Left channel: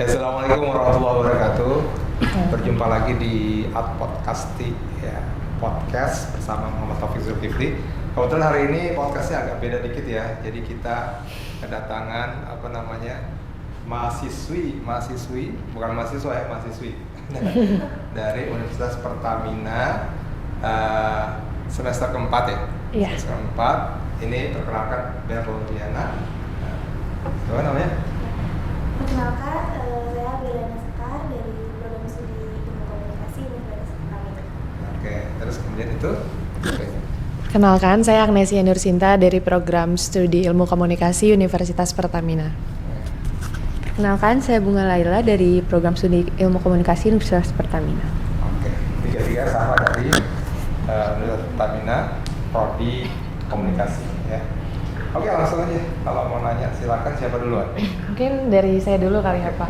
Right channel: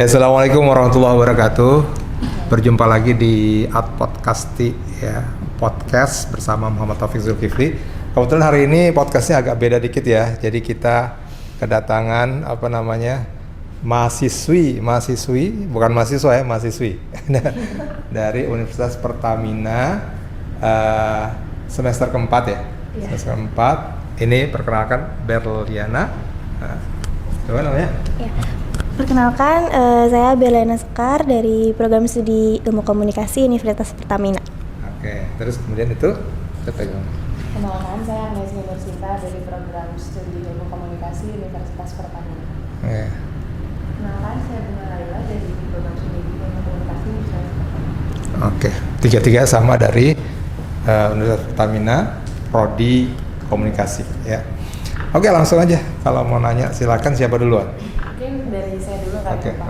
Ya, Assalamualaikum warahmatullahi wabarakatuh. Berjumpa lagi di Ad Podcasti, ya, podcast bersama Muhammad Taufik Zulkifli. Kebetulan hari ini podcastnya agak beda dikit ya. Jadi kita kedatangan mahasiswi, bukan mahasiswa ya, mahasiswi dari Universitas Pertamina semester keempat ya. Iya. Semester keempat. Ini perkenalkan Berliana. Coba namanya? Ya. Perkenalkan, saya Berliana Sekar dari Program Studi Ilmu Komunikasi Universitas Pertamina. Oke, terus kemudian itu? Kenalkan, saya Agnesia Nursinta dari Program Studi Ilmu Komunikasi Universitas Pertamina. Oke. Kenalkan, saya Bunga Laila dari Program Studi Ilmu Komunikasi Universitas Pertamina. Oke, tiga-tiga sama dari Universitas Pertamina, Prodi Komunikasi ya. Oke, langsung aja. Kalau mau nanya silakan, siapa duluan? Mungkin dari saya dulu kali ya, Pak.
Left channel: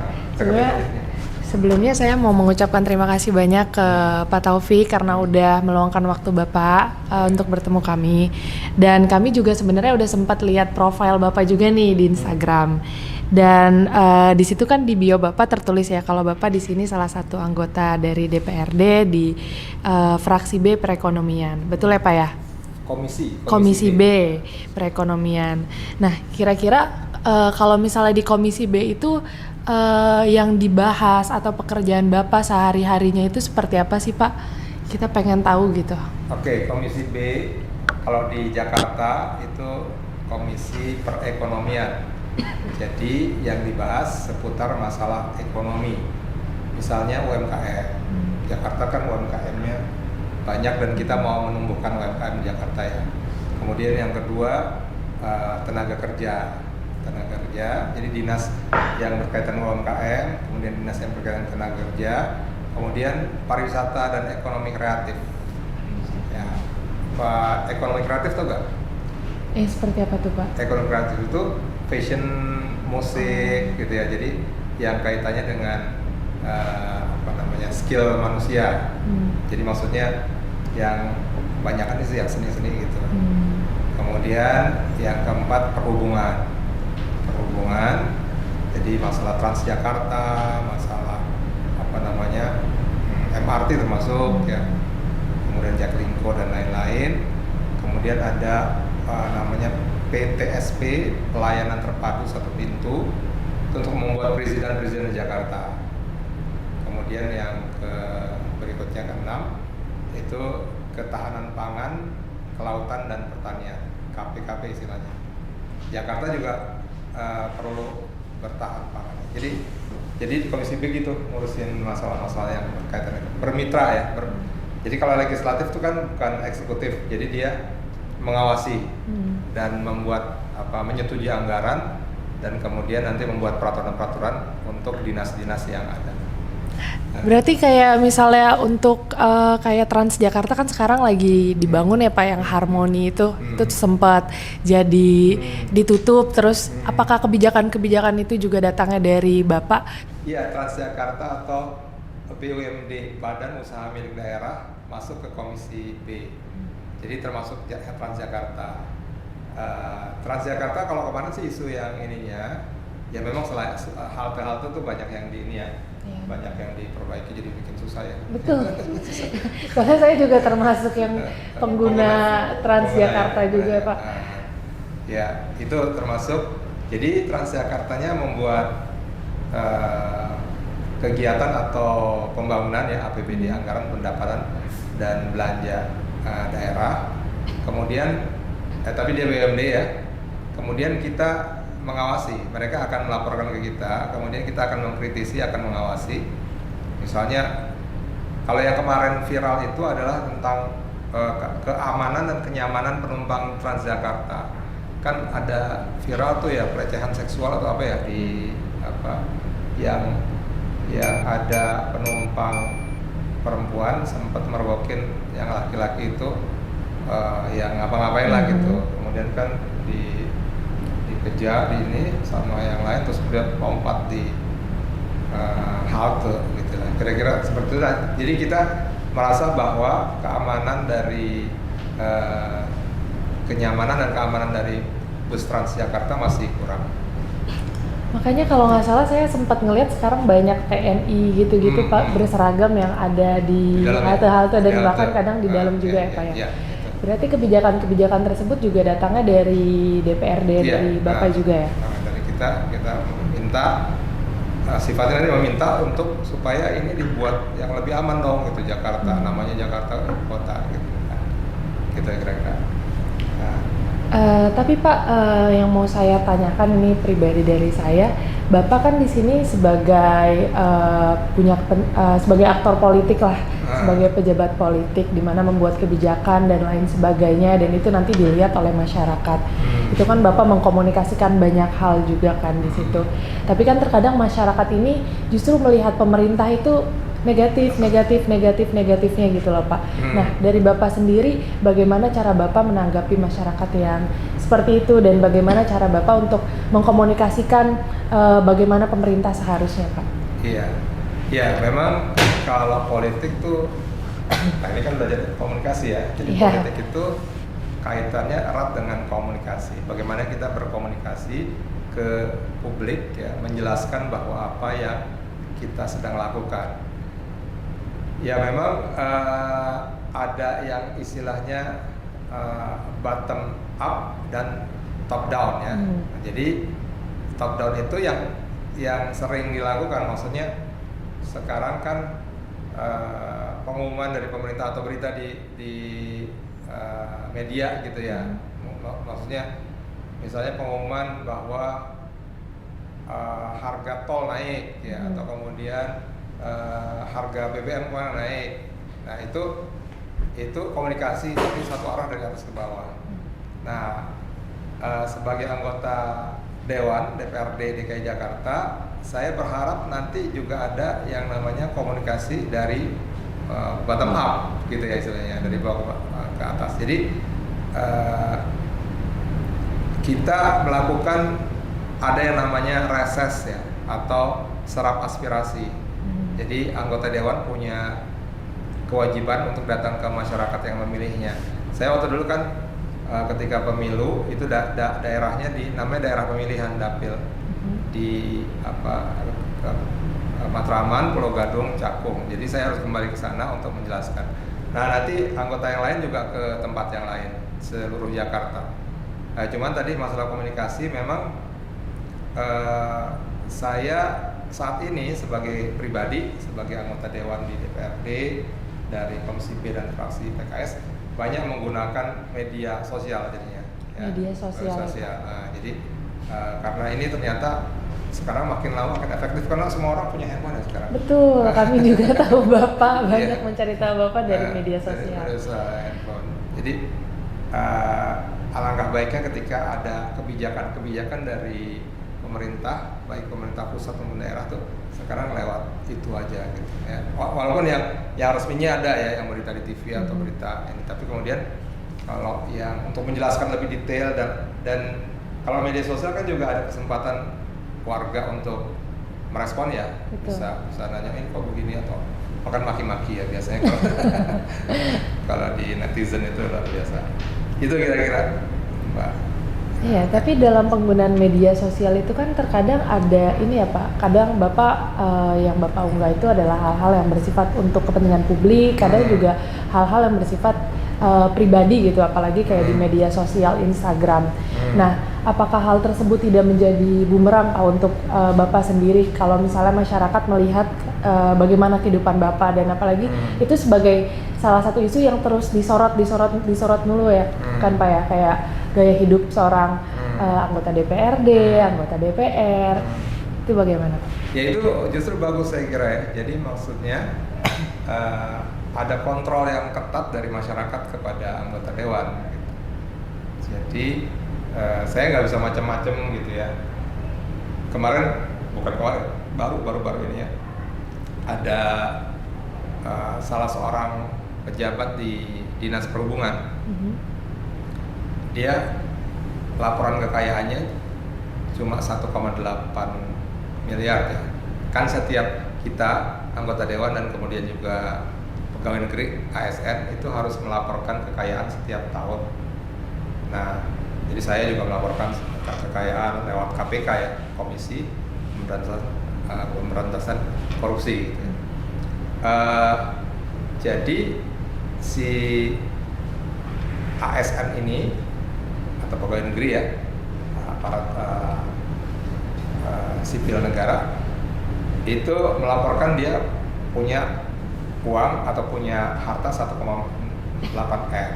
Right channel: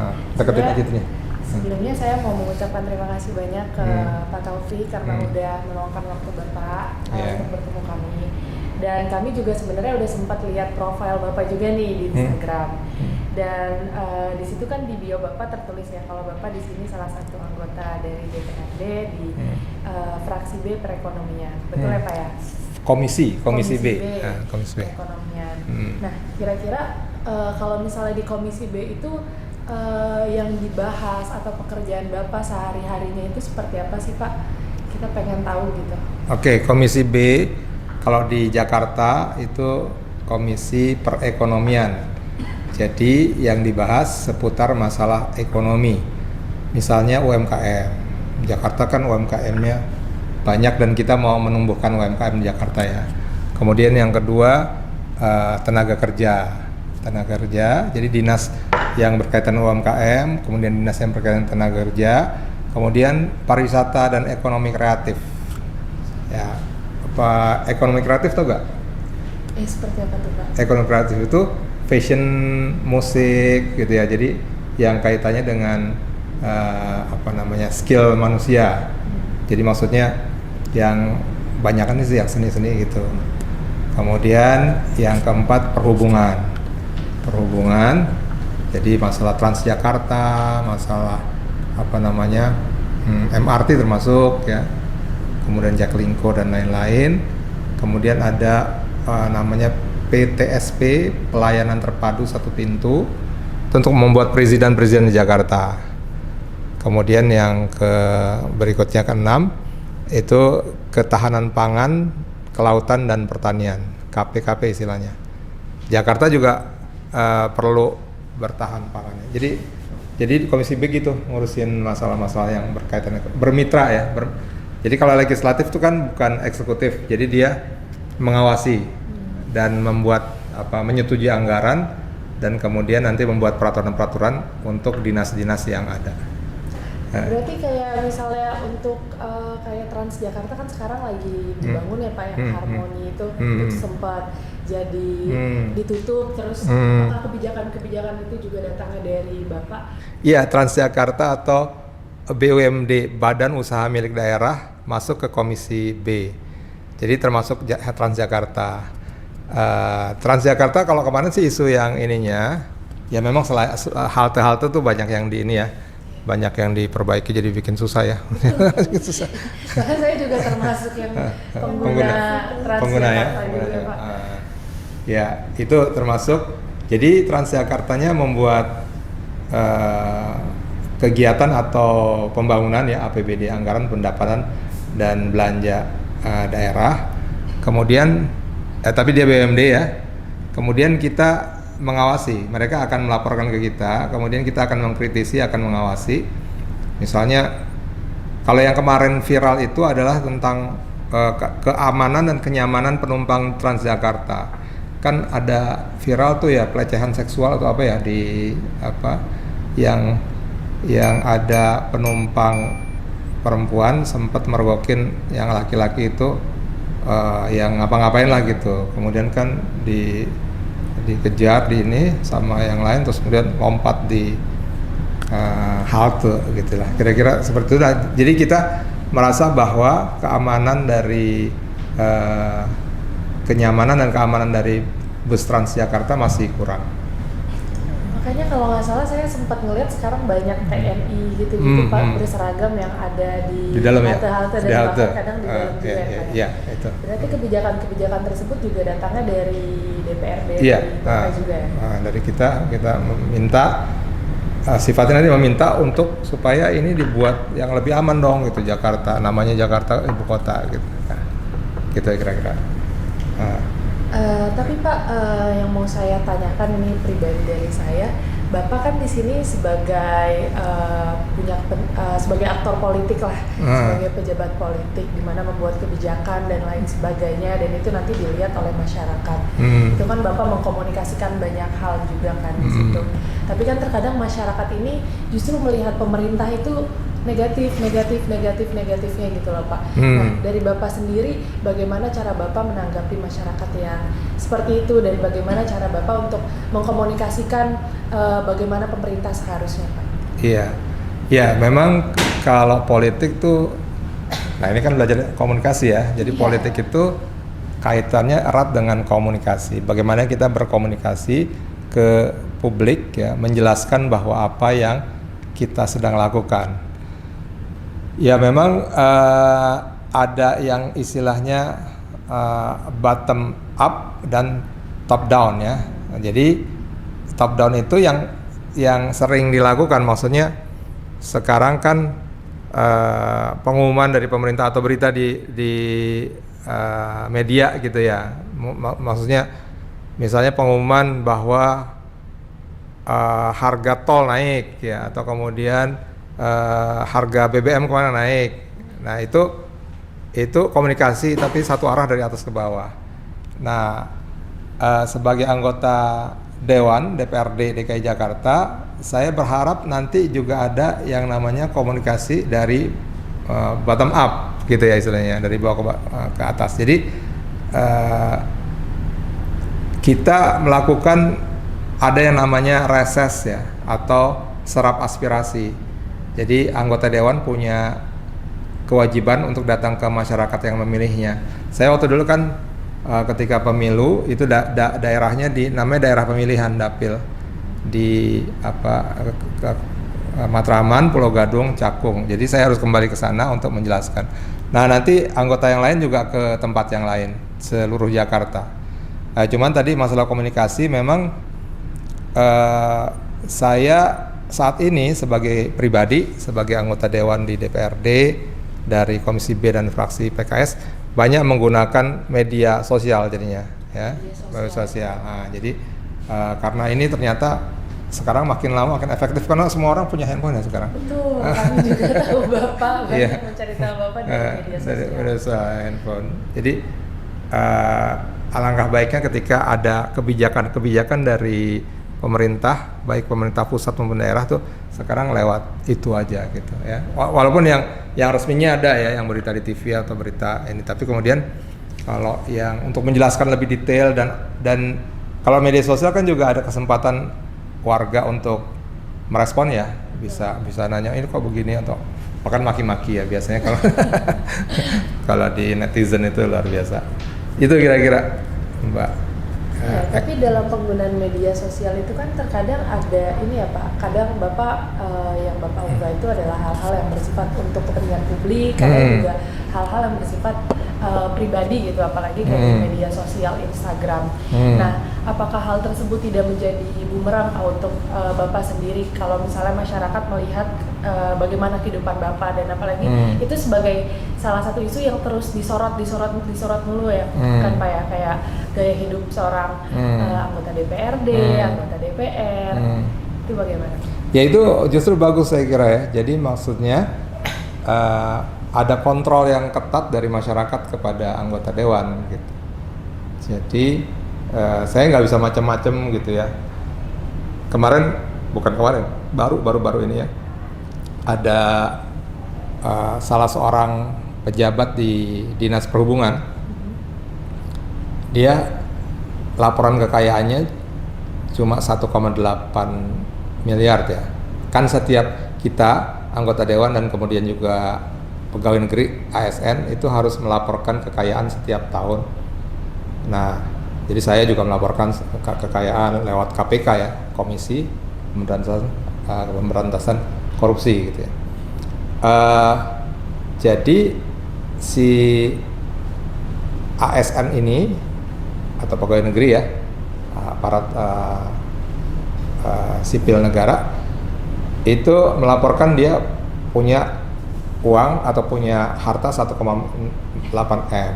Sebelumnya saya mau mengucapkan terima kasih banyak ke Pak Taufik karena udah meluangkan waktu Bapak untuk bertemu kami. Dan kami juga sebenarnya udah sempat lihat profil Bapak juga nih di Instagram. Dan di situ kan di bio Bapak tertulis ya kalau Bapak di sini salah satu anggota dari DPRD di fraksi B perekonomian. Betul ya, Pak ya? Komisi B, Komisi B. perekonomian. Nah, kira-kira kalau misalnya di Komisi B itu yang dibahas atau pekerjaan Bapak sehari-harinya itu seperti apa sih, Pak? Kita pengen tahu gitu. Oke, Komisi B kalau di Jakarta itu Komisi Perekonomian. Jadi yang dibahas seputar masalah ekonomi. Misalnya UMKM. Jakarta kan UMKM-nya banyak dan kita mau menumbuhkan UMKM di Jakarta ya. Kemudian yang kedua tenaga kerja. Jadi dinas yang berkaitan UMKM, kemudian dinas yang berkaitan tenaga kerja, kemudian pariwisata dan ekonomi kreatif. Ya, apa ekonomi kreatif tuh gak? Seperti apa tuh, Pak? Ekonomi Kreatif itu fashion, musik gitu ya. Jadi yang kaitannya dengan skill manusia. Jadi maksudnya yang banyak kan sih yang seni-seni gitu. Kemudian yang keempat perhubungan. Jadi masalah Transjakarta, masalah MRT termasuk ya. Kemudian Jaklingko dan lain-lain. Kemudian ada PTSP, pelayanan terpadu satu pintu untuk membuat presiden di Jakarta. Kemudian yang berikutnya ke-6 itu ketahanan pangan, kelautan dan pertanian, KPKP istilahnya. Jakarta juga perlu bertahan pangannya. Jadi di Komisi B gitu ngurusin masalah-masalah yang berkaitan bermitra ya. Jadi kalau legislatif itu kan bukan eksekutif, jadi dia mengawasi dan menyetujui anggaran dan kemudian nanti membuat peraturan-peraturan untuk dinas-dinas yang ada. Berarti kayak misalnya untuk kayak Transjakarta kan sekarang lagi dibangun ya Pak, yang Harmoni itu sempat jadi ditutup terus. Apakah kebijakan itu juga datangnya dari Bapak? Iya, Transjakarta atau BUMD, Badan Usaha Milik Daerah, masuk ke Komisi B. Jadi termasuk Transjakarta. Transjakarta kalau kemarin sih isu yang ininya ya memang halte-halte tuh banyak yang di ini ya. Banyak yang diperbaiki jadi bikin susah ya. Susah. Soalnya saya juga termasuk yang pengguna Transjakarta juga Pak. Ya itu termasuk. Jadi Transjakartanya membuat kegiatan atau pembangunan ya APBD, anggaran pendapatan dan belanja daerah. Kemudian tapi dia BUMD ya. Kemudian kita mengawasi, mereka akan melaporkan ke kita, kemudian kita akan mengkritisi, akan mengawasi. Misalnya kalau yang kemarin viral itu adalah tentang keamanan dan kenyamanan penumpang Transjakarta. Kan ada viral tuh ya pelecehan seksual atau apa ya yang ada penumpang perempuan sempat mergokin yang laki-laki itu yang ngapa-ngapain lah gitu. Kemudian kan dikejar di ini sama yang lain terus kemudian lompat di halte gitulah, kira-kira seperti itu. Jadi kita merasa bahwa keamanan dari kenyamanan dan keamanan dari bus Transjakarta masih kurang. Makanya kalau nggak salah saya sempat ngelihat sekarang banyak TNI gitu-gitu Pak berseragam yang ada di dalam halte-halte dan ya? bahkan kadang di dalam juga ya Pak ya. Iya, itu. Berarti kebijakan-kebijakan tersebut juga datangnya dari DPRD dari Bapak juga ya? Dari kita meminta sifatnya nanti meminta untuk supaya ini dibuat yang lebih aman dong gitu Jakarta, namanya Jakarta ibu kota gitu. Nah, gitu kira-kira. Tapi Pak, yang mau saya tanyakan ini pribadi dari saya, Bapak kan di sini sebagai sebagai aktor politik lah, sebagai pejabat politik, di mana membuat kebijakan dan lain sebagainya, dan itu nanti dilihat oleh masyarakat. Itu kan Bapak mengkomunikasikan banyak hal juga kan di situ. Tapi kan terkadang masyarakat ini justru melihat pemerintah itu negatifnya gitu loh Pak. Nah dari Bapak sendiri bagaimana cara Bapak menanggapi masyarakat yang seperti itu dan bagaimana cara Bapak untuk mengkomunikasikan bagaimana pemerintah seharusnya Pak? Iya, memang kalau politik tuh, nah ini kan belajar komunikasi ya. Jadi politik itu kaitannya erat dengan komunikasi. Bagaimana kita berkomunikasi ke publik ya, menjelaskan bahwa apa yang kita sedang lakukan. Ya memang ada yang istilahnya bottom up dan top down ya. Jadi top down itu yang sering dilakukan, maksudnya sekarang kan pengumuman dari pemerintah atau berita di media gitu ya. Maksudnya misalnya pengumuman bahwa harga tol naik ya, atau kemudian harga BBM kemana naik. Nah itu komunikasi tapi satu arah dari atas ke bawah. Nah sebagai anggota Dewan DPRD DKI Jakarta, saya berharap nanti juga ada yang namanya komunikasi dari bottom up gitu ya istilahnya, dari bawah ke atas. Jadi kita melakukan ada yang namanya reses ya, atau serap aspirasi. Jadi anggota dewan punya kewajiban untuk datang ke masyarakat yang memilihnya. Saya waktu dulu kan ketika pemilu itu daerahnya namanya daerah pemilihan dapil di Matraman, Pulau Gadung, Cakung. Jadi saya harus kembali ke sana untuk menjelaskan. Nah nanti anggota yang lain juga ke tempat yang lain seluruh Jakarta. Cuman tadi masalah komunikasi memang saya saat ini sebagai pribadi, sebagai anggota dewan di DPRD dari Komisi B dan fraksi PKS banyak menggunakan media sosial jadinya ya. Media sosial. Nah, jadi karena ini ternyata sekarang makin lama makin efektif karena semua orang punya handphone ya sekarang. Betul, kami juga tahu Bapak banyak mencari tahu Bapak dari media sosial. Dari media sosial, handphone. Jadi alangkah baiknya ketika ada kebijakan dari pemerintah, baik pemerintah pusat maupun daerah tuh sekarang lewat itu aja gitu ya. Walaupun yang resminya ada ya, yang berita di TV atau berita ini, tapi kemudian kalau yang untuk menjelaskan lebih detail dan kalau media sosial kan juga ada kesempatan warga untuk merespon ya. Bisa nanya ini kok begini, atau bahkan maki-maki ya biasanya kalau kalau di netizen itu luar biasa. Itu kira-kira Mbak. Iya, tapi dalam penggunaan media sosial itu kan terkadang ada ini ya Pak, kadang Bapak yang Bapak unggah itu adalah hal-hal yang bersifat untuk kepentingan publik, kadang juga hal-hal yang bersifat pribadi gitu, apalagi kayak di media sosial Instagram. Nah, apakah hal tersebut tidak menjadi bumerang Pak untuk Bapak sendiri kalau misalnya masyarakat melihat bagaimana kehidupan Bapak, dan apalagi itu sebagai salah satu isu yang terus disorot mulu ya kan Pak ya, kayak gaya hidup seorang anggota DPRD, anggota DPR, itu bagaimana? Ya itu justru bagus saya kira ya. Jadi maksudnya ada kontrol yang ketat dari masyarakat kepada anggota dewan gitu. Jadi saya nggak bisa macam-macam gitu ya. Baru ini ya, ada salah seorang pejabat di Dinas Perhubungan. Dia laporan kekayaannya cuma 1,8 miliar ya. Kan setiap kita anggota dewan dan kemudian juga pegawai negeri ASN itu harus melaporkan kekayaan setiap tahun. Nah, jadi saya juga melaporkan kekayaan lewat KPK ya, komisi pemberantasan korupsi gitu ya. Jadi si ASN ini atau pegawai negeri ya, aparat sipil negara itu melaporkan dia punya uang atau punya harta 1,8 M.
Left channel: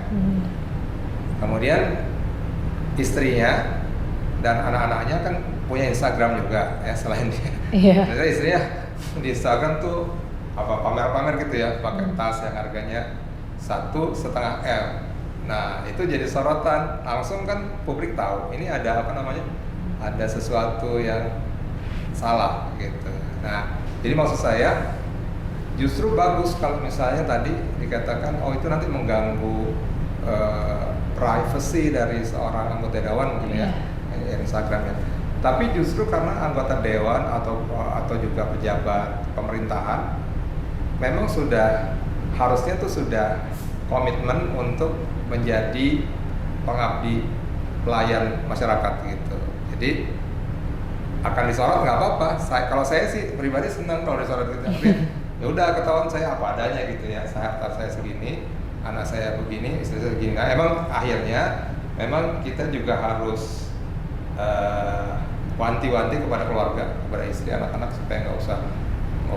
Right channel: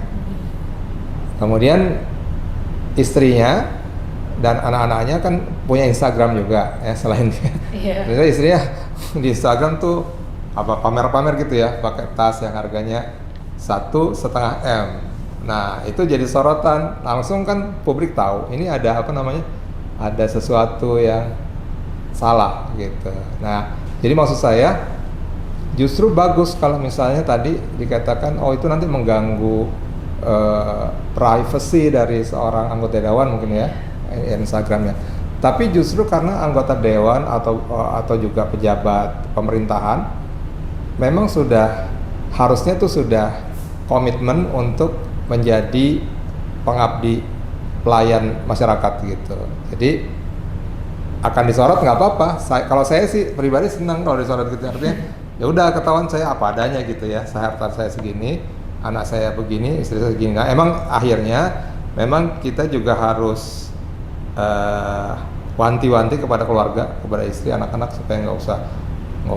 Kemudian istrinya dan anak-anaknya kan punya Instagram juga ya, selain dia. Iya. Jadi istrinya di Instagram tuh pamer-pamer gitu ya, pakai tas yang harganya 1,5 M. Nah itu jadi sorotan, langsung kan publik tahu ini ada ada sesuatu yang salah gitu. Nah jadi maksud saya justru bagus kalau misalnya tadi dikatakan itu nanti mengganggu privacy dari seorang anggota dewan mungkin ya, Instagramnya. Tapi justru karena anggota dewan atau juga pejabat pemerintahan memang harusnya sudah komitmen untuk menjadi pengabdi pelayan masyarakat gitu. Jadi akan disorot nggak apa-apa. Kalau saya sih pribadi senang kalau disorot gitu, artinya ya udah ketahuan saya apa adanya gitu ya. Harta saya segini, anak saya begini, istri saya segini. Nah, emang akhirnya memang kita juga harus wanti-wanti kepada keluarga, kepada istri, anak-anak supaya nggak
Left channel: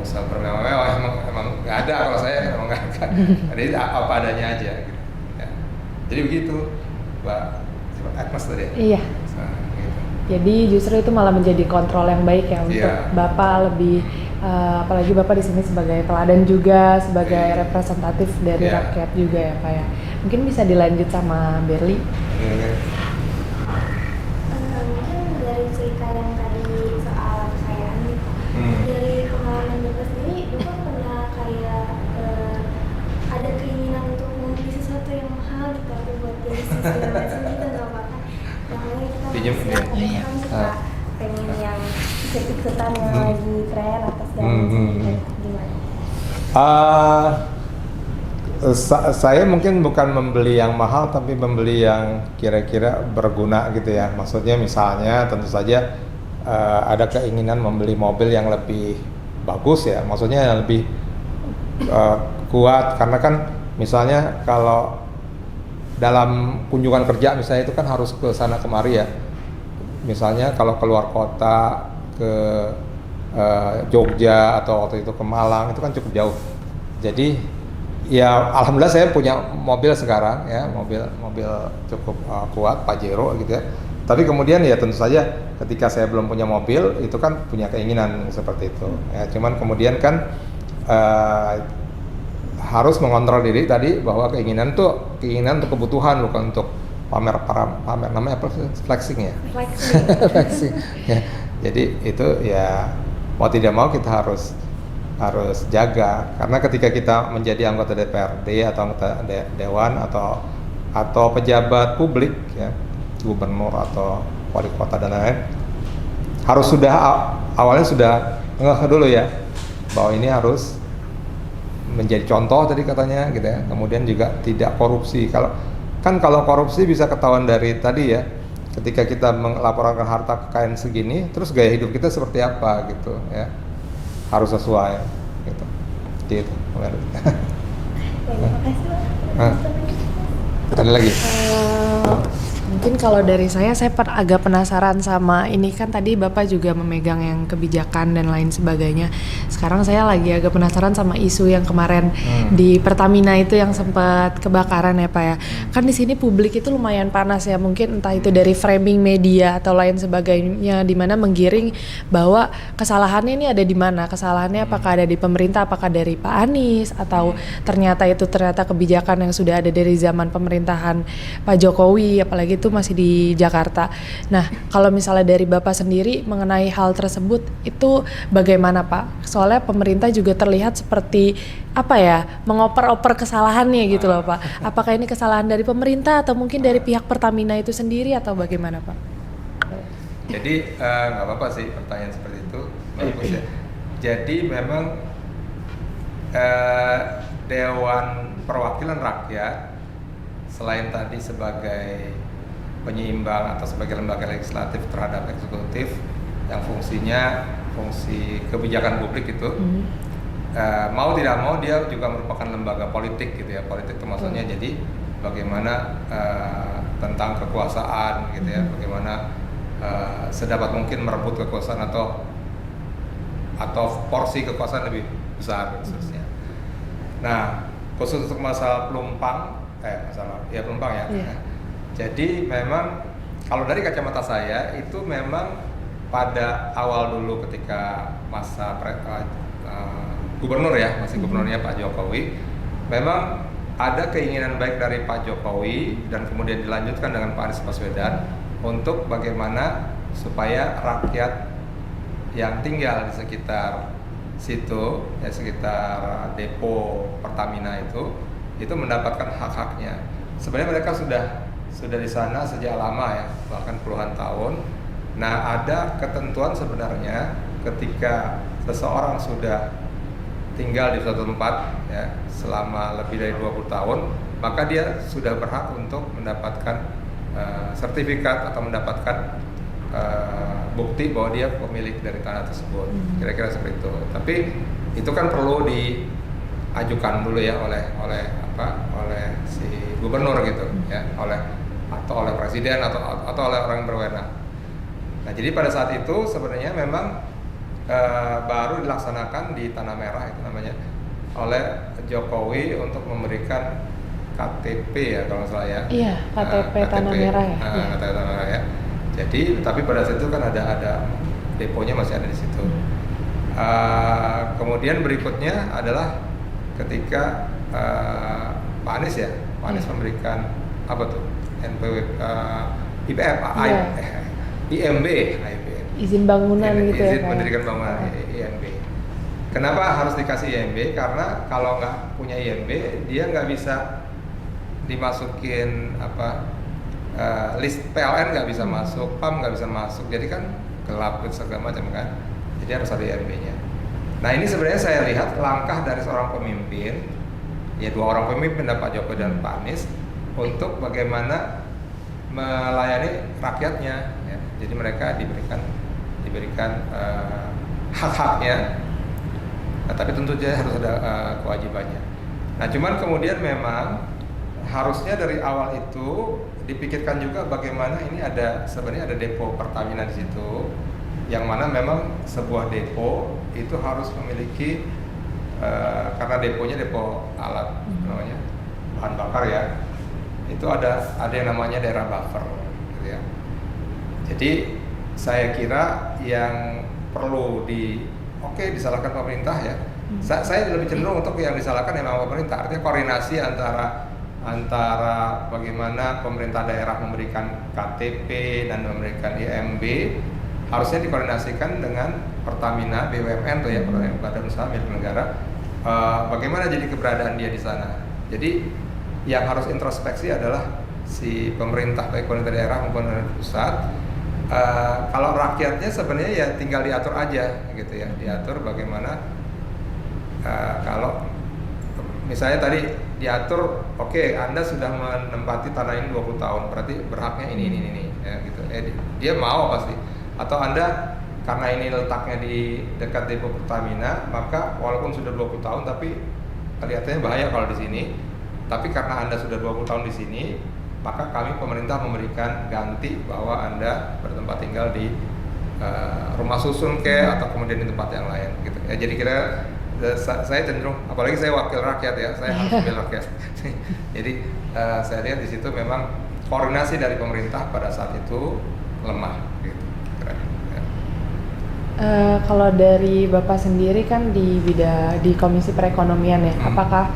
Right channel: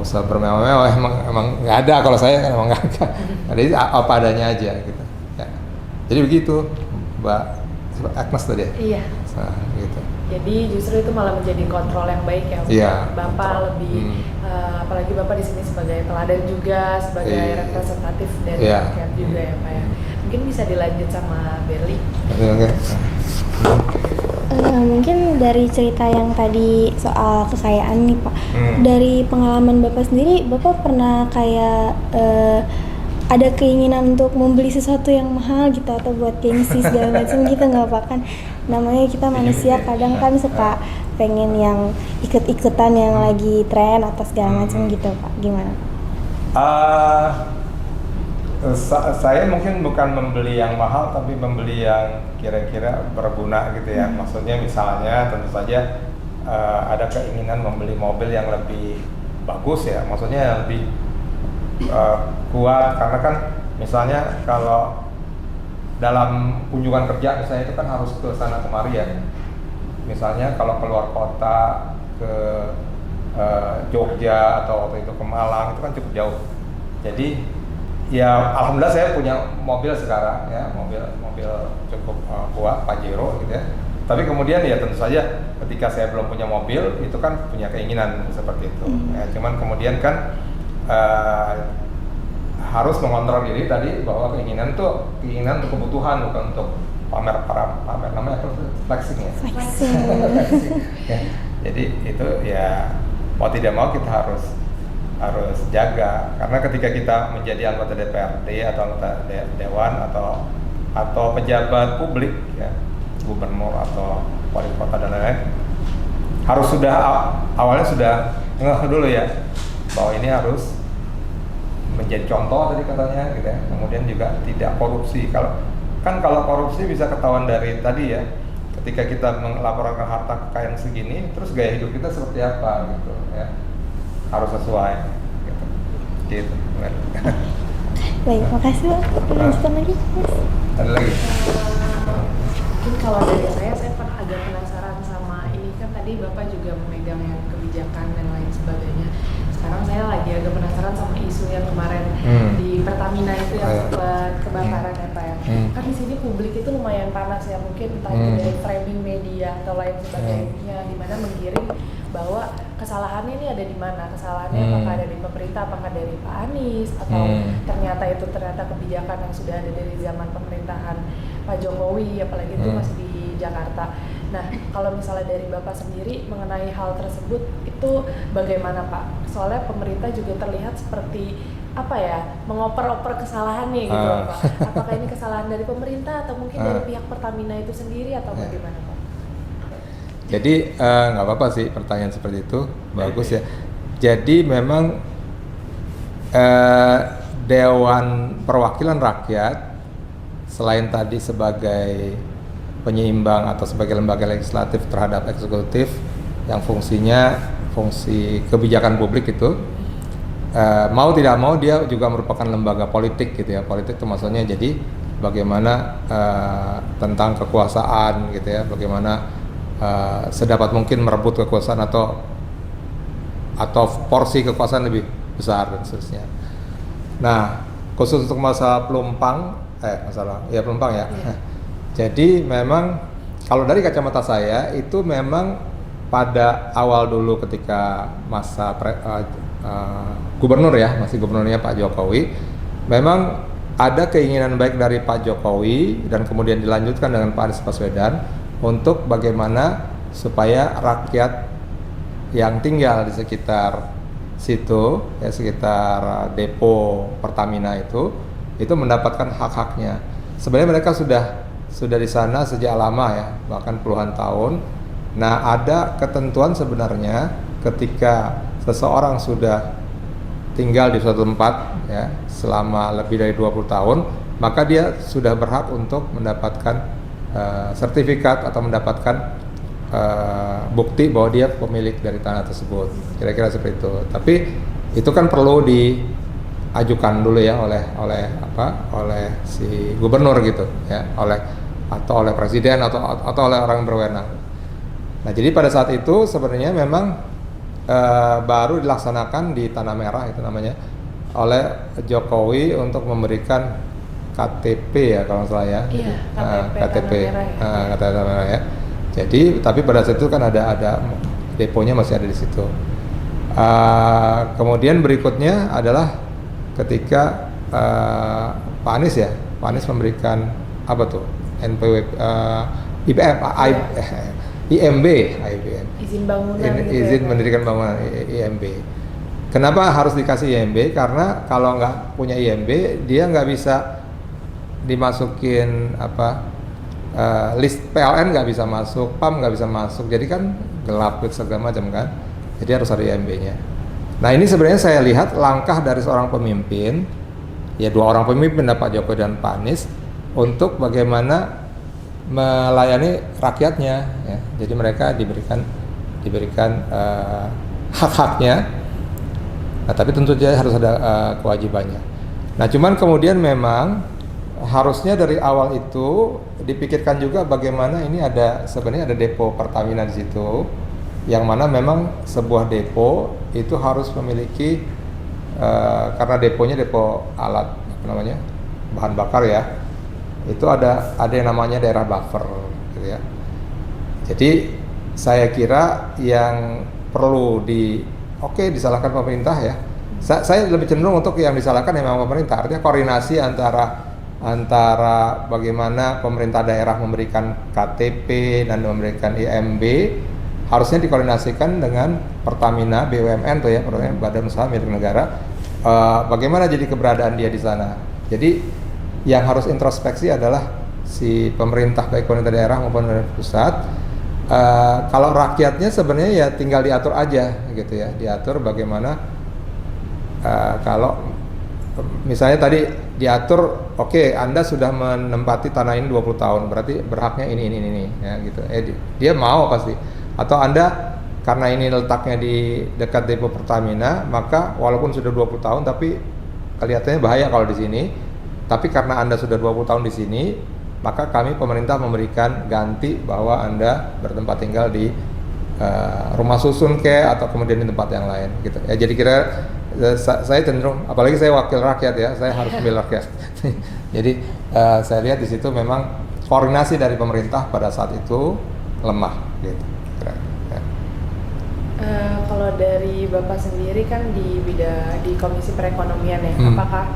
usah bermewah-mewah. Emang nggak ada, kalau saya kan emang nggak ada. Jadi apa adanya aja gitu. Ya. Jadi begitu, Mbak Agnes tadi. Iya. Nah, gitu. Jadi justru itu malah menjadi kontrol yang baik ya untuk Bapak lebih apalagi Bapak di sini sebagai teladan juga, sebagai representatif dari rakyat juga ya Pak ya. Mungkin bisa dilanjut sama Berli. Mungkin dari cerita yang tadi soal kekayaan nih Pak, dari pengalaman Bapak sendiri, Bapak pernah kayak ada keinginan untuk membeli sesuatu yang mahal gitu atau buat gengsi segala macam gitu nggak Pak? Kan namanya kita manusia kadang kan suka pengen yang ikut-ikutan yang lagi tren atau segala macam gitu Pak, gimana? Saya mungkin bukan membeli yang mahal tapi membeli yang kira-kira berguna gitu ya. Maksudnya misalnya tentu saja ada keinginan membeli mobil yang lebih bagus ya, maksudnya yang lebih kuat, karena kan misalnya kalau dalam kunjungan kerja misalnya itu kan harus ke sana kemari ya. Misalnya kalau keluar kota ke Jogja atau waktu itu ke Malang itu kan cukup jauh. Jadi ya alhamdulillah saya punya mobil sekarang ya, mobil cukup kuat Pajero gitu ya. Tapi kemudian ya tentu saja ketika saya belum punya mobil itu kan punya keinginan seperti itu. Ya, cuman kemudian kan harus mengontrol diri tadi bahwa keinginan untuk kebutuhan, bukan untuk pamer namanya apa, flexing ya. Flexing. Ya, jadi itu ya mau tidak mau kita harus jaga, karena ketika kita menjadi anggota DPRD atau anggota dewan atau pejabat publik ya, gubernur atau wali kota dan lain-lain, harus awalnya sudah ngeh dulu ya bahwa ini harus menjadi contoh tadi katanya gitu ya. Kemudian juga tidak korupsi. Kalau korupsi bisa ketahuan dari tadi ya, ketika kita melaporkan harta kekayaan segini, terus gaya hidup kita seperti apa gitu ya, harus sesuai gitu. Baik, makasih Pak. Lanjutkan lagi. Ada lagi. Mungkin kalau dari saya agak penasaran sama ini, kan tadi Bapak juga memegang yang kebijakan dan lain sebagainya. Sekarang saya lagi agak penasaran sama isu yang kemarin di Pertamina itu yang sempat kebakaran ya Pak ya. Kan di sini publik itu lumayan panas ya, mungkin entah itu dari framing media atau lain sebagainya, di mana menggiring bahwa kesalahannya ini ada di mana? Kesalahannya apakah ada di pemerintah, apakah dari Pak Anies, atau ternyata kebijakan yang sudah ada dari zaman pemerintahan Pak Jokowi, apalagi itu masih di Jakarta. Nah, kalau misalnya dari Bapak sendiri mengenai hal tersebut itu bagaimana Pak? Soalnya pemerintah juga terlihat seperti mengoper-oper kesalahannya gitu loh Pak. Apakah ini kesalahan dari pemerintah atau mungkin dari pihak Pertamina itu sendiri atau bagaimana Pak? Jadi nggak apa-apa sih pertanyaan seperti itu, bagus ya. Jadi memang Dewan Perwakilan Rakyat selain tadi sebagai penyeimbang atau sebagai lembaga legislatif terhadap eksekutif yang fungsinya fungsi kebijakan publik itu. Mau tidak mau dia juga merupakan lembaga politik gitu ya. Politik itu maksudnya jadi bagaimana tentang kekuasaan gitu ya, bagaimana sedapat mungkin merebut kekuasaan atau porsi kekuasaan lebih besar dan seterusnya. Nah, khusus untuk masalah Pelumpang, Pelumpang ya. Yeah. Jadi memang kalau dari kacamata saya itu memang pada awal dulu ketika masa gubernur ya, masih gubernurnya Pak Jokowi, memang ada keinginan baik dari Pak Jokowi dan kemudian dilanjutkan dengan Pak Anies Baswedan untuk bagaimana supaya rakyat yang tinggal di sekitar situ, ya sekitar depo Pertamina itu mendapatkan hak-haknya. Sebenarnya mereka sudah di sana sejak lama ya, bahkan puluhan tahun. Nah, ada ketentuan sebenarnya ketika seseorang sudah tinggal di suatu tempat ya selama lebih dari 20 tahun, maka dia sudah berhak untuk mendapatkan sertifikat atau mendapatkan bukti bahwa dia pemilik dari tanah tersebut. Kira-kira seperti itu. Tapi itu kan perlu diajukan dulu ya oleh si gubernur gitu ya, oleh presiden atau oleh orang berwenang. Nah, jadi pada saat itu sebenarnya memang baru dilaksanakan di Tanah Merah itu namanya oleh Jokowi untuk memberikan KTP ya kalau nggak salah ya. Iya, KTP Tanah Merah ya. KTP Tanah Merah ya. Jadi tapi pada saat itu kan ada deponya masih ada di situ. Kemudian berikutnya adalah ketika Pak Anies memberikan apa tuh IMB izin bangunan gitu izin ya, mendirikan bangunan IMB. Kenapa harus dikasih IMB? Karena kalau nggak punya IMB dia nggak bisa dimasukin list PLN nggak bisa masuk, PAM nggak bisa masuk, jadi kan gelap segala macam kan, jadi harus ada IMB-nya. Nah, ini sebenarnya saya lihat langkah dari seorang pemimpin, ya dua orang pemimpin, Pak Jokowi dan Pak Anies, untuk bagaimana melayani rakyatnya ya. Jadi mereka diberikan hak-haknya, nah, tapi tentu saja harus ada kewajibannya. Nah, cuman kemudian memang harusnya dari awal itu dipikirkan juga bagaimana ini sebenarnya ada depo Pertamina di situ, yang mana memang sebuah depo itu harus memiliki karena deponya depo alat bahan bakar ya, itu ada yang namanya daerah buffer gitu ya. Jadi saya kira yang perlu disalahkan pemerintah ya. Saya lebih cenderung untuk yang disalahkan memang pemerintah, artinya koordinasi antara bagaimana pemerintah daerah memberikan KTP dan memberikan IMB harusnya dikoordinasikan dengan Pertamina BUMN tuh ya, Badan Usaha Milik Negara. Bagaimana jadi keberadaan dia di sana. Jadi yang harus introspeksi adalah si pemerintah, baik pemerintah daerah maupun pemerintah pusat. Kalau rakyatnya sebenarnya ya tinggal diatur aja gitu ya, diatur bagaimana kalau misalnya tadi diatur, oke, Anda sudah menempati tanah ini 20 tahun, berarti berhaknya ini ya gitu. Dia mau pasti. Atau Anda karena ini letaknya di dekat depo Pertamina, maka walaupun sudah 20 tahun tapi kelihatannya bahaya kalau di sini. Tapi karena Anda sudah 20 tahun di sini, maka kami pemerintah memberikan ganti bahwa Anda bertempat tinggal di rumah susun atau kemudian di tempat yang lain gitu. Ya, jadi kira saya cenderung, apalagi saya wakil rakyat ya, saya harus membela rakyat. Jadi saya lihat di situ memang koordinasi dari pemerintah pada saat itu lemah gitu. Kalau dari Bapak sendiri kan di Komisi Perekonomian ya, apakah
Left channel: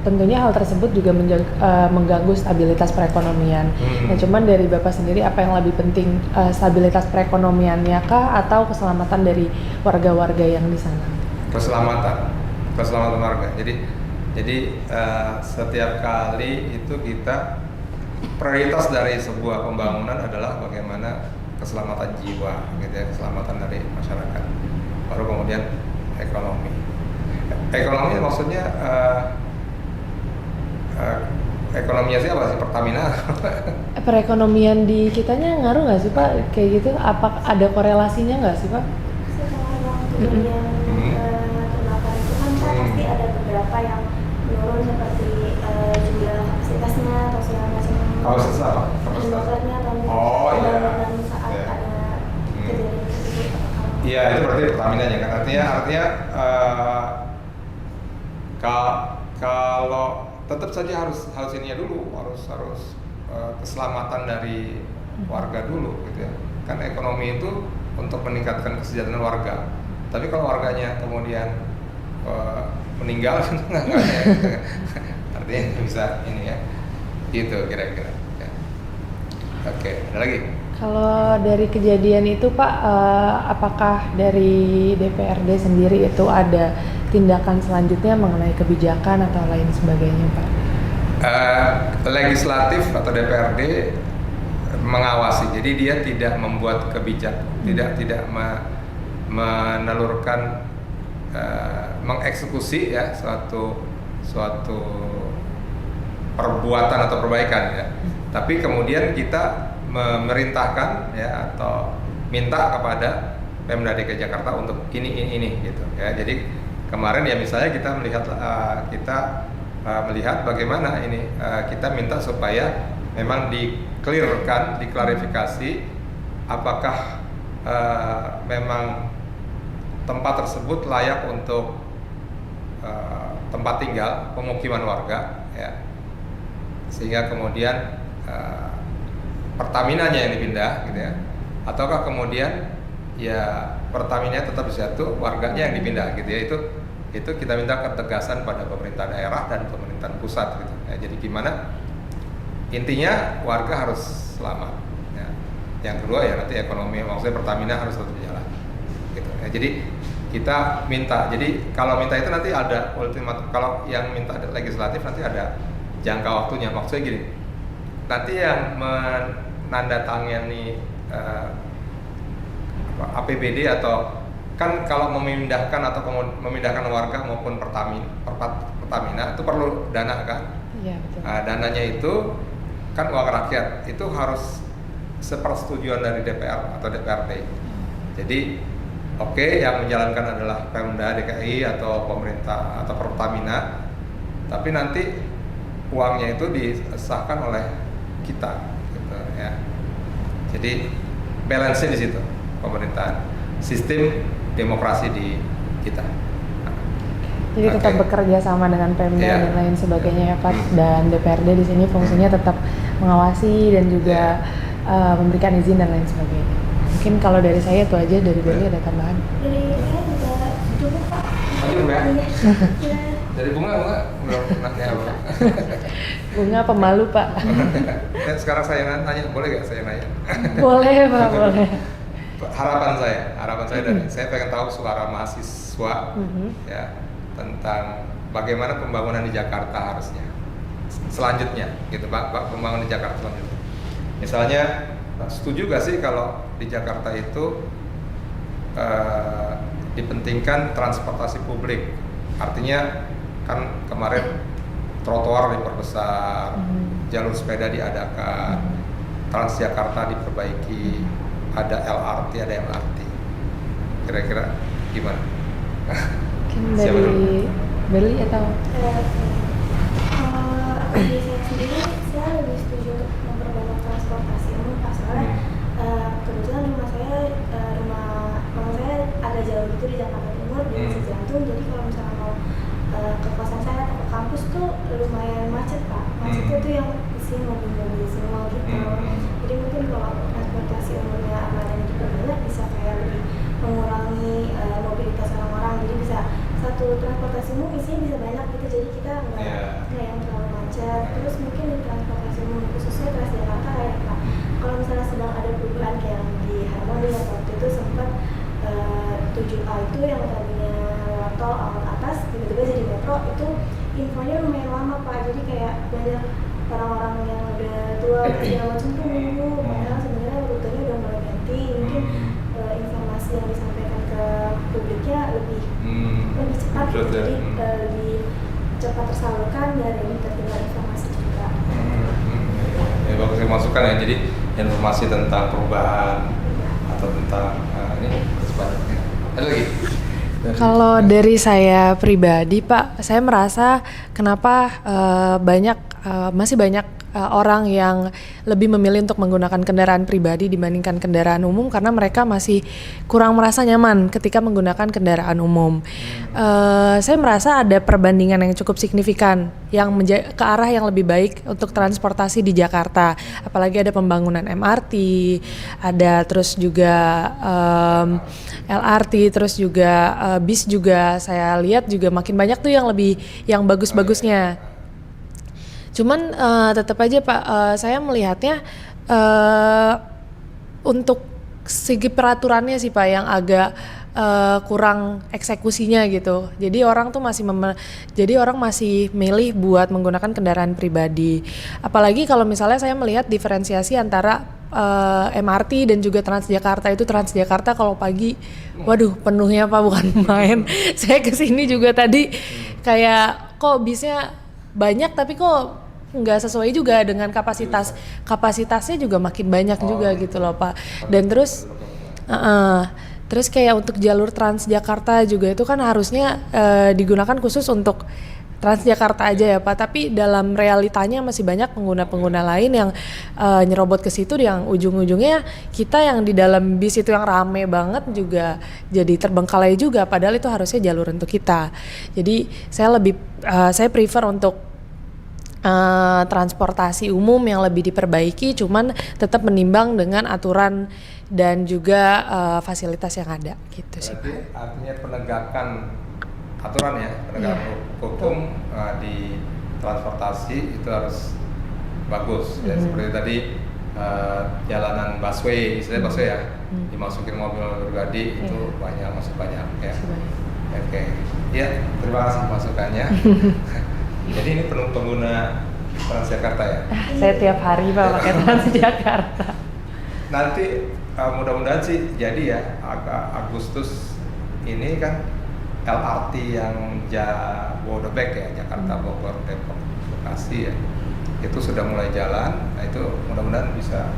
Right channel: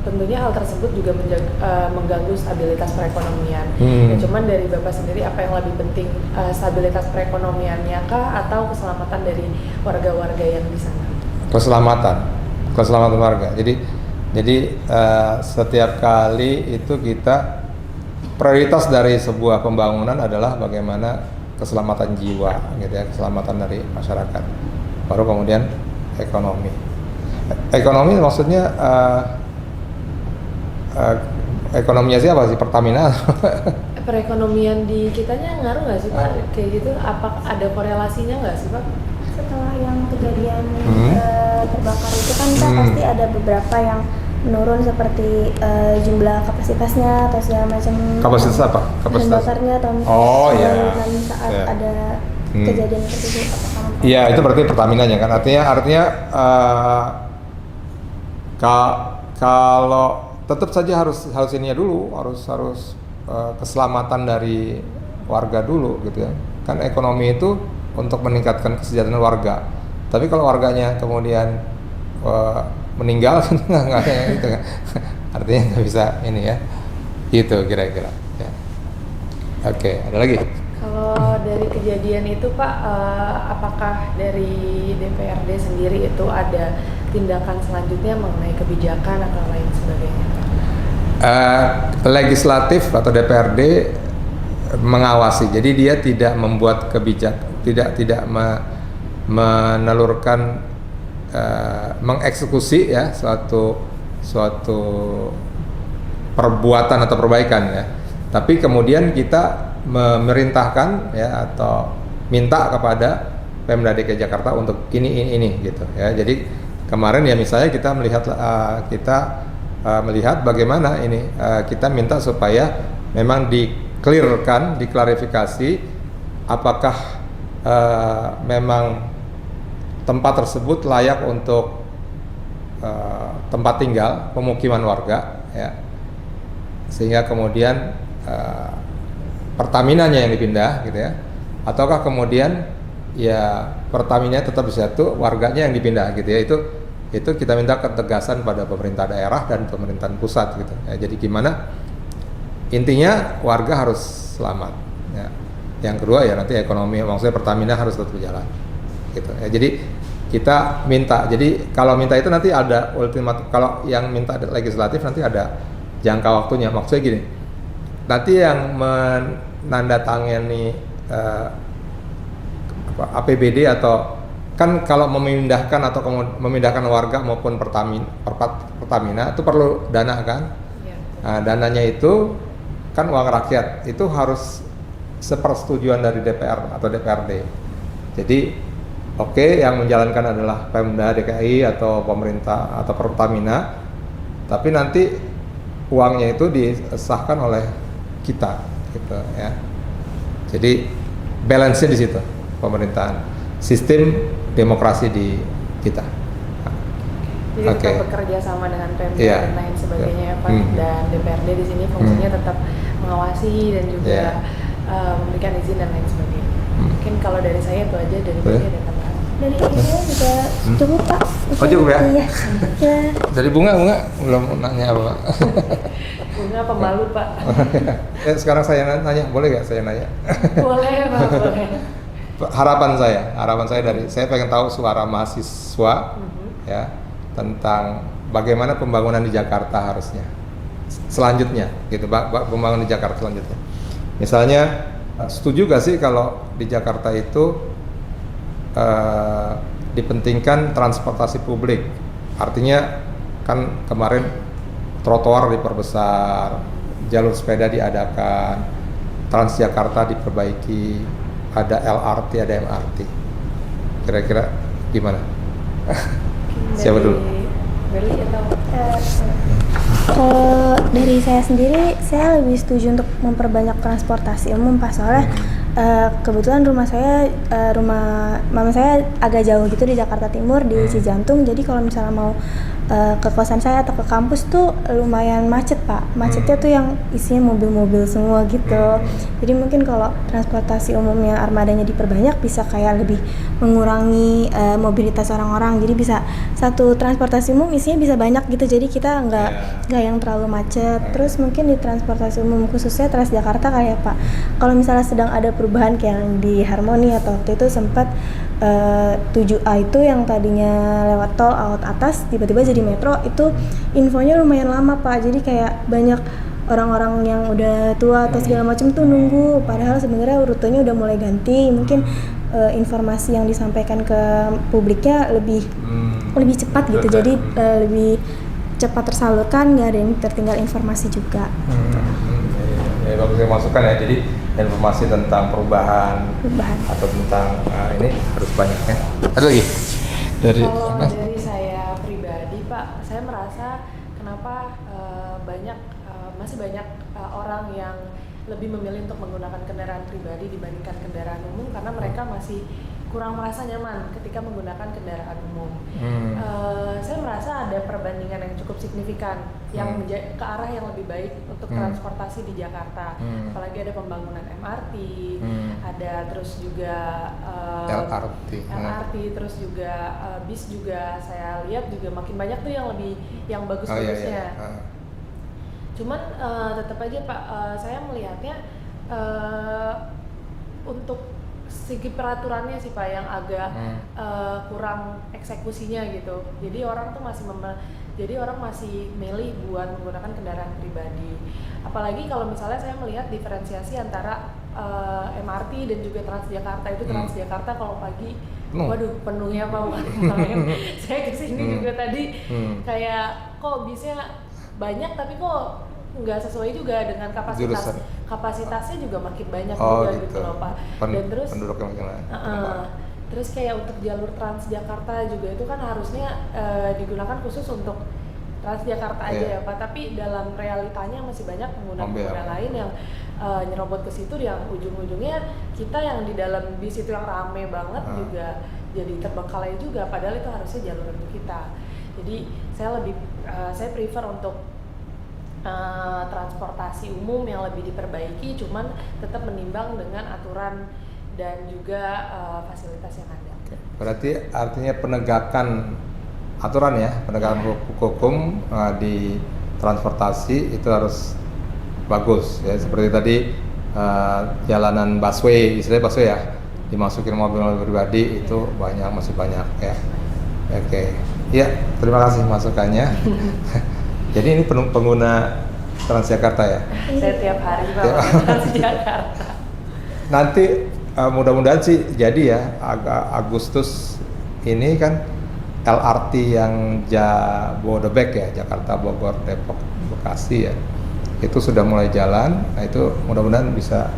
tentunya hal tersebut juga mengganggu stabilitas perekonomian. Nah, cuman dari Bapak sendiri apa yang lebih penting, stabilitas perekonomiannya kah atau keselamatan dari warga-warga yang di sana? Keselamatan warga. Jadi setiap kali itu kita prioritas dari sebuah pembangunan adalah bagaimana keselamatan jiwa gitu ya, keselamatan dari masyarakat. Baru kemudian ekonomi. Ekonomi maksudnya ekonominya siapa sih, Pertamina? Perekonomian di kitanya ngaruh nggak sih Pak? Kayak gitu, apa ada korelasinya nggak sih Pak? Setelah yang kejadian terbakar itu kan pasti ada beberapa yang menurun seperti jumlah kapasitasnya atau segala macam. Kapasitas apa? Bahan bakarnya atau saat ada kejadian tersebut. Iya, itu berarti Pertamina-nya kan. Artinya kalau tetap saja harus ininya dulu, harus keselamatan dari warga dulu gitu ya. Kan ekonomi itu untuk meningkatkan kesejahteraan warga. Tapi kalau warganya kemudian meninggal kan nggak ada ya, gitu. Artinya nggak bisa ini ya. Itu kira-kira. Ya. Oke, ada lagi? Kalau dari kejadian itu Pak, apakah dari DPRD sendiri itu ada tindakan selanjutnya mengenai kebijakan atau lain sebagainya Pak? Legislatif atau DPRD mengawasi, jadi dia tidak membuat kebijakan, tidak menelurkan, mengeksekusi ya suatu perbuatan atau perbaikan ya. Tapi kemudian kita memerintahkan ya atau minta kepada Pemda DKI Jakarta untuk ini gitu ya. Jadi kemarin ya misalnya kita melihat bagaimana ini kita minta supaya memang diklarifikasi apakah memang tempat tersebut layak untuk tempat tinggal pemukiman warga ya, sehingga kemudian Pertamina-nya yang dipindah gitu ya, ataukah kemudian ya Pertamina tetap di situ, warganya yang dipindah gitu ya. Itu kita minta ketegasan pada pemerintah daerah dan pemerintahan pusat gitu ya. Jadi gimana, intinya warga harus selamat ya. Yang kedua ya nanti ekonomi, maksudnya Pertamina harus tetap berjalan gitu ya. Jadi kita minta, jadi kalau minta itu nanti ada ultimatum, kalau yang minta legislatif nanti ada jangka waktunya. Maksudnya gini, nanti yang menandatangani APBD atau kan kalau memindahkan warga maupun Pertamina itu perlu dana kan? Ya, Dananya itu kan uang rakyat, itu harus sepersetujuan dari DPR atau DPRD. Jadi yang menjalankan adalah Pemda DKI atau pemerintah atau Pertamina, tapi nanti uangnya itu disahkan oleh kita gitu ya. Jadi balance di situ pemerintahan, sistem demokrasi di kita. Jadi tetap bekerja sama dengan Pemda dan lain sebagainya ya Pak. Dan DPRD di sini fungsinya tetap mengawasi dan juga memberikan izin dan lain sebagainya. Mungkin kalau dari saya itu aja, dari Beli ada tambahan. Dari saya juga cukup Pak. Cukup ya? Iya. Dari bunga belum nanya apa Pak? Bunga pemalu Pak. Sekarang saya nanya, boleh nggak saya nanya? Boleh Pak, boleh. Harapan saya dari saya pengen tahu suara mahasiswa ya tentang bagaimana pembangunan di Jakarta harusnya selanjutnya gitu, pembangunan di Jakarta selanjutnya. Misalnya setuju gak sih kalau di Jakarta itu dipentingkan transportasi publik, artinya kan kemarin trotoar diperbesar, jalur sepeda diadakan, Transjakarta diperbaiki, ada LRT, ada MRT. Kira-kira gimana? Siapa dulu? Beli atau? Dari saya sendiri, saya lebih setuju untuk memperbanyak transportasi umum Pak, soalnya kebetulan rumah mama saya agak jauh gitu di Jakarta Timur, di Cijantung. Jadi kalau misalnya mau ke kosan saya atau ke kampus tuh lumayan macet Pak. Macetnya tuh yang isinya mobil-mobil semua gitu. Jadi mungkin kalau transportasi umumnya armadanya diperbanyak bisa kayak lebih mengurangi mobilitas orang-orang. Jadi bisa satu transportasi umum isinya bisa banyak gitu. Jadi kita nggak yang terlalu macet. Terus mungkin di transportasi umum khususnya Transjakarta kayak Pak, kalau misalnya sedang ada perubahan kayak yang di Harmoni atau waktu itu sempat 7A itu yang tadinya lewat tol awat atas tiba-tiba jadi metro, itu infonya lumayan lama Pak. Jadi kayak banyak orang-orang yang udah tua atau segala macam tuh nunggu, padahal sebenarnya rutenya udah mulai ganti. Mungkin informasi yang disampaikan ke publiknya lebih cepat gitu. Jadi lebih cepat tersalurkan, nggak ada yang tertinggal informasi juga. Kalau saya masukkan ya, jadi informasi tentang perubahan. Atau tentang ini harus banyak ya. Ada lagi? Kalau dari saya pribadi Pak, saya merasa kenapa masih banyak orang yang lebih memilih untuk menggunakan kendaraan pribadi dibandingkan kendaraan umum karena mereka masih kurang merasa nyaman ketika menggunakan kendaraan umum. Saya merasa ada perbandingan yang cukup signifikan yang ke arah yang lebih baik untuk transportasi di Jakarta. Apalagi ada pembangunan MRT, ada terus juga LRT, terus juga bis juga saya lihat juga makin banyak tuh yang bagus-bagusnya. Cuman tetap aja Pak, saya melihatnya untuk segi peraturannya sih Pak yang agak kurang eksekusinya gitu. Jadi orang tuh masih milih buat menggunakan kendaraan pribadi. Apalagi kalau misalnya saya melihat diferensiasi antara MRT dan juga Transjakarta itu Transjakarta kalau pagi, waduh penuhnya Pak, bukan main. Saya kesini juga tadi kayak kok bisnya banyak tapi kok nggak sesuai juga dengan kapasitasnya juga makin banyak juga gitu loh Pak. Dan terus kayak untuk jalur Transjakarta juga itu kan harusnya digunakan khusus untuk Transjakarta aja ya Pak, tapi dalam realitanya masih banyak pengguna-pengguna lain yang nyerobot ke situ, yang ujung-ujungnya kita yang di dalam bis itu yang rame banget juga jadi terbengkalai juga, padahal itu harusnya jalur untuk kita. Jadi saya prefer untuk transportasi umum yang lebih diperbaiki, cuman tetap menimbang dengan aturan dan juga fasilitas yang ada gitu. Berarti artinya penegakan aturan ya, penegakan hukum di transportasi itu harus bagus ya. Seperti tadi jalanan busway, istilahnya busway ya, dimasukin mobil-mobil pribadi itu masih banyak ya. Oke. Ya, terima kasih masukannya. Jadi ini pengguna Transjakarta ya? Saya tiap hari Pak pakai Transjakarta. Nanti mudah-mudahan sih jadi ya, Agustus ini kan LRT yang Jabodebek ya, Jakarta, Bogor, Depok, Bekasi ya, itu sudah mulai jalan. Nah itu mudah-mudahan bisa.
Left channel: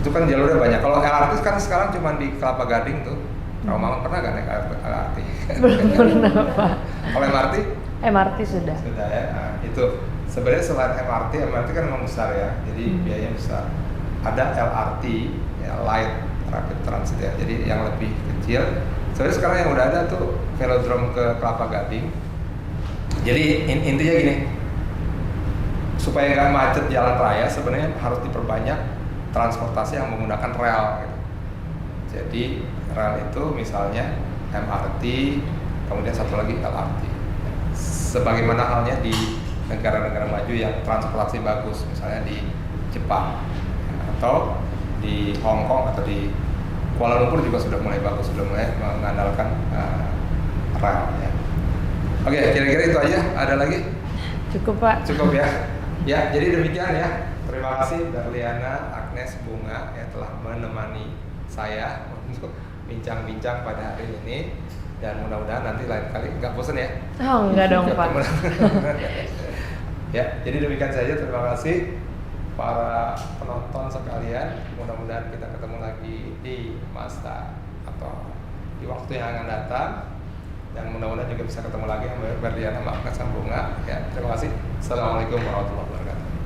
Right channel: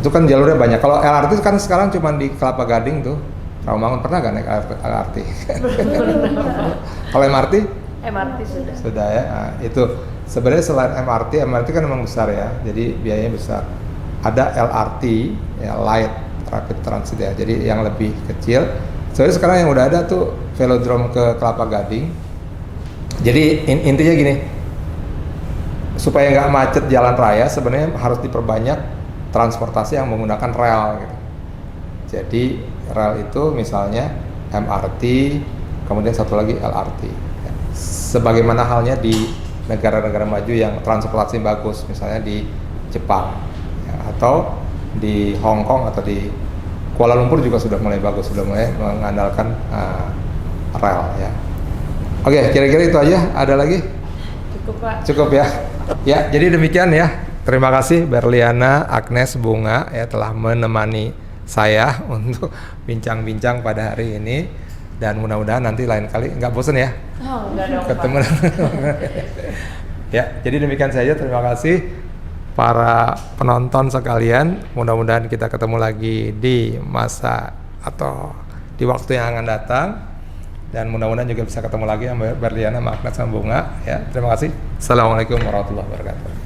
Itu kan jalurnya banyak. Kalau LRT kan sekarang cuma di Kelapa Gading tuh. Rawamangun pernah kan naik LRT? Pernah Pak. Kalau MRT? MRT sudah. Sudah ya. Nah, itu sebenarnya selain MRT kan memang besar ya. Jadi biayanya besar. Ada LRT ya, Light Rapid Transit ya. Jadi yang lebih kecil. Soalnya sekarang yang udah ada tuh velodrome ke Kelapa Gading. Jadi intinya gini. Supaya nggak macet jalan raya sebenarnya harus diperbanyak transportasi yang menggunakan rel gitu. Jadi rel itu misalnya MRT, kemudian satu lagi LRT. Sebagaimana halnya di negara-negara maju yang transportasi bagus, misalnya di Jepang ya, atau di Hong Kong atau di Kuala Lumpur juga sudah mulai bagus, sudah mulai mengandalkan rel ya. Oke, kira-kira itu aja. Ada lagi? Cukup Pak. Cukup ya. Ya, jadi demikian ya. Terima kasih Berliana, Agnes, Bunga ya telah menemani saya untuk bincang-bincang pada hari ini. Dan mudah-mudahan nanti lain kali nggak bosan ya. Oh enggak dong ketemu. Pak. Ya, jadi demikian saja. Terima kasih para penonton sekalian. Mudah-mudahan kita ketemu lagi di masa atau di waktu yang akan datang. Dan mudah-mudahan juga bisa ketemu lagi sama Berliana, Agnes, sama Bunga. Ya, terima kasih. Assalamualaikum warahmatullahi wabarakatuh.